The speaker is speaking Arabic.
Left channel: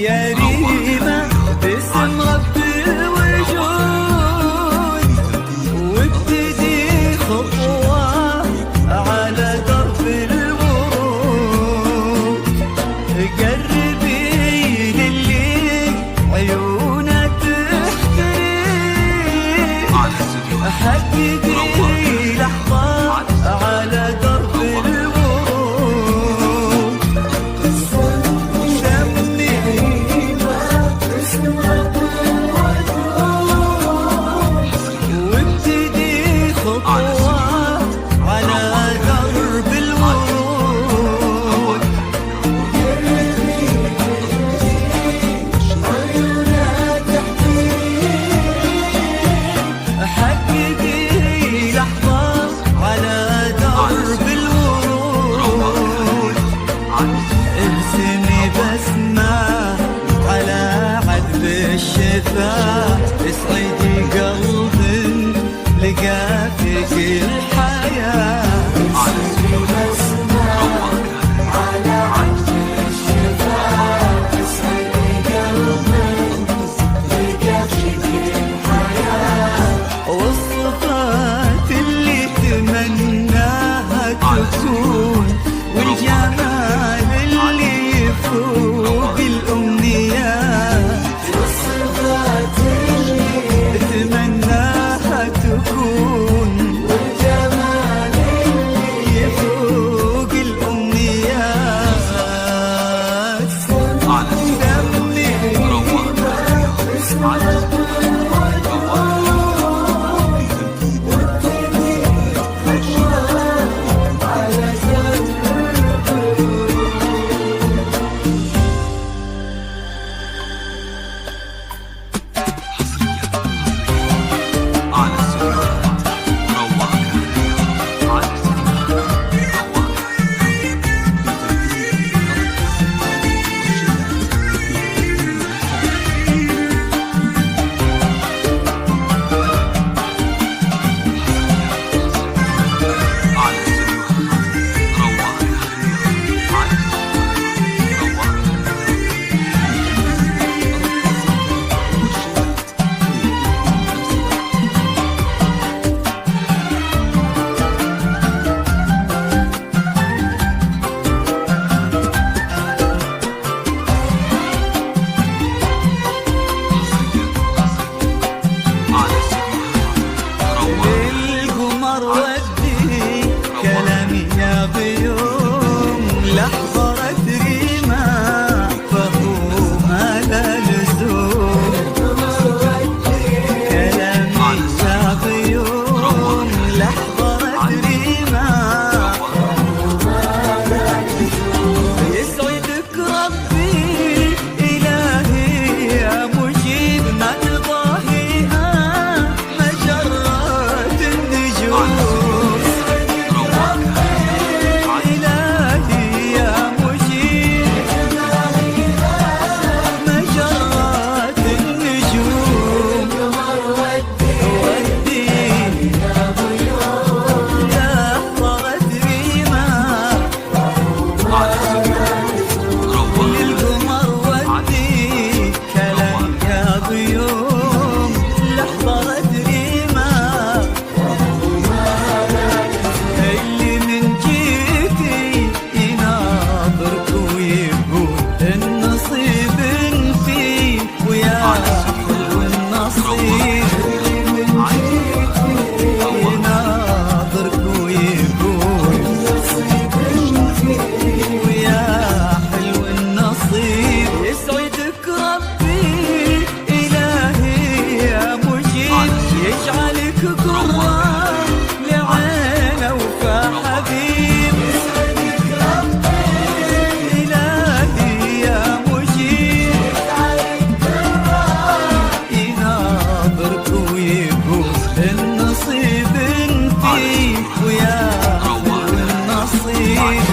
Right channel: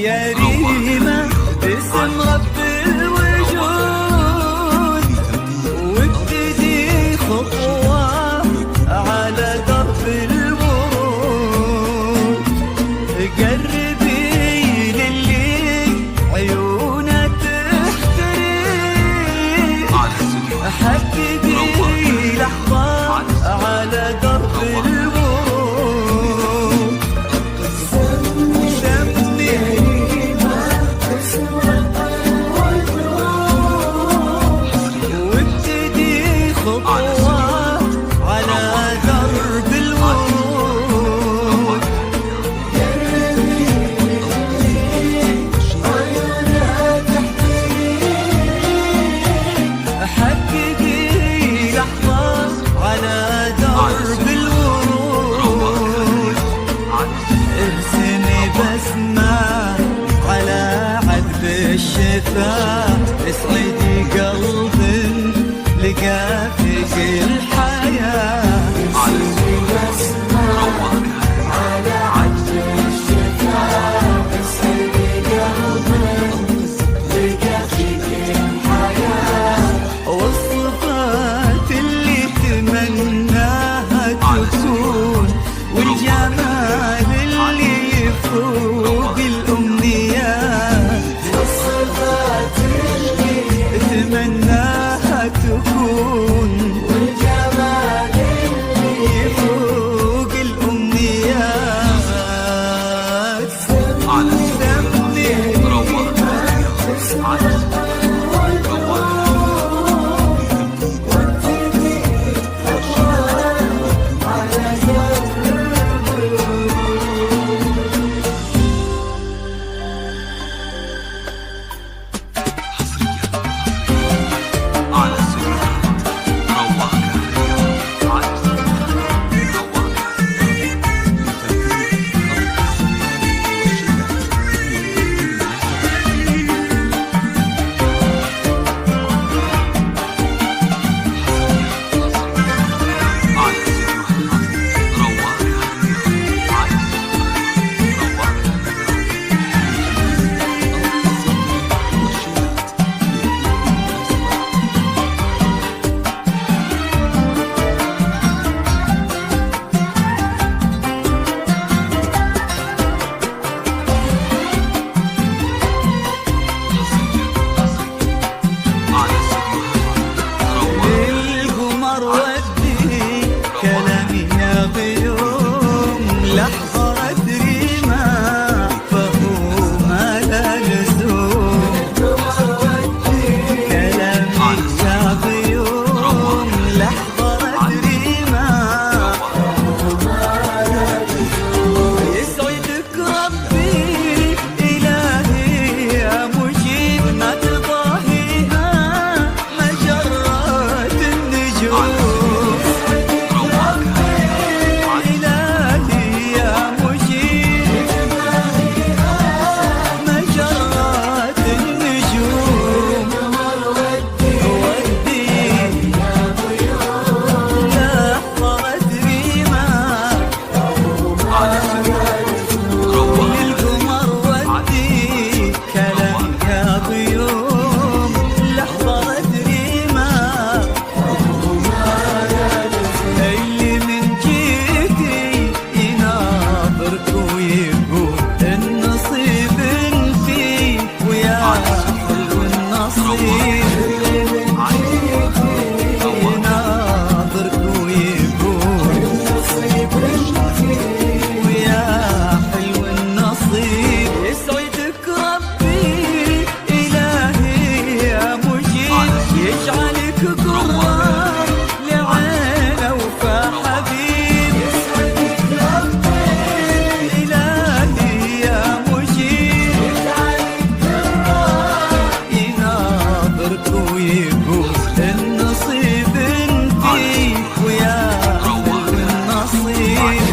يا ريمة باسم رب الوجود، وابتدي خطوة على درب الورود. قربي للي عيونه تحترق، حققي لحظة على درب الورود. وابتدي خطوة على درب الورود. حققي لحظة على درب الورود. ارسمي بسمة على عذب الشفا، اسعدي قلب لقى فيك الحياة. والصفات اللي تمناها تكون، والجمال اللي يفوق الأمنيات. تمناها تكون، يفوق الأمنيات. سمي كلامي يا غيوم، لحظة أدري ما فهوما لا لزوم. كلامي يا غيوم، لحظة أدري ما يسعدك ربي إلهي يا مجيب، ما تضاهيها مجرات النجوم. اللي من جيتي يناظرك ويقول النصيب فيه، ويا حلو النصيب. يناظرك ويقول ويا حلو النصيب. يسعدك ربي إلهي يا مجيب، يجعلك قرة لعينه وفا حبيب. إلهي يا مجيب، يناظرك ويقول النصيب فيك، ويا حلو النصيب.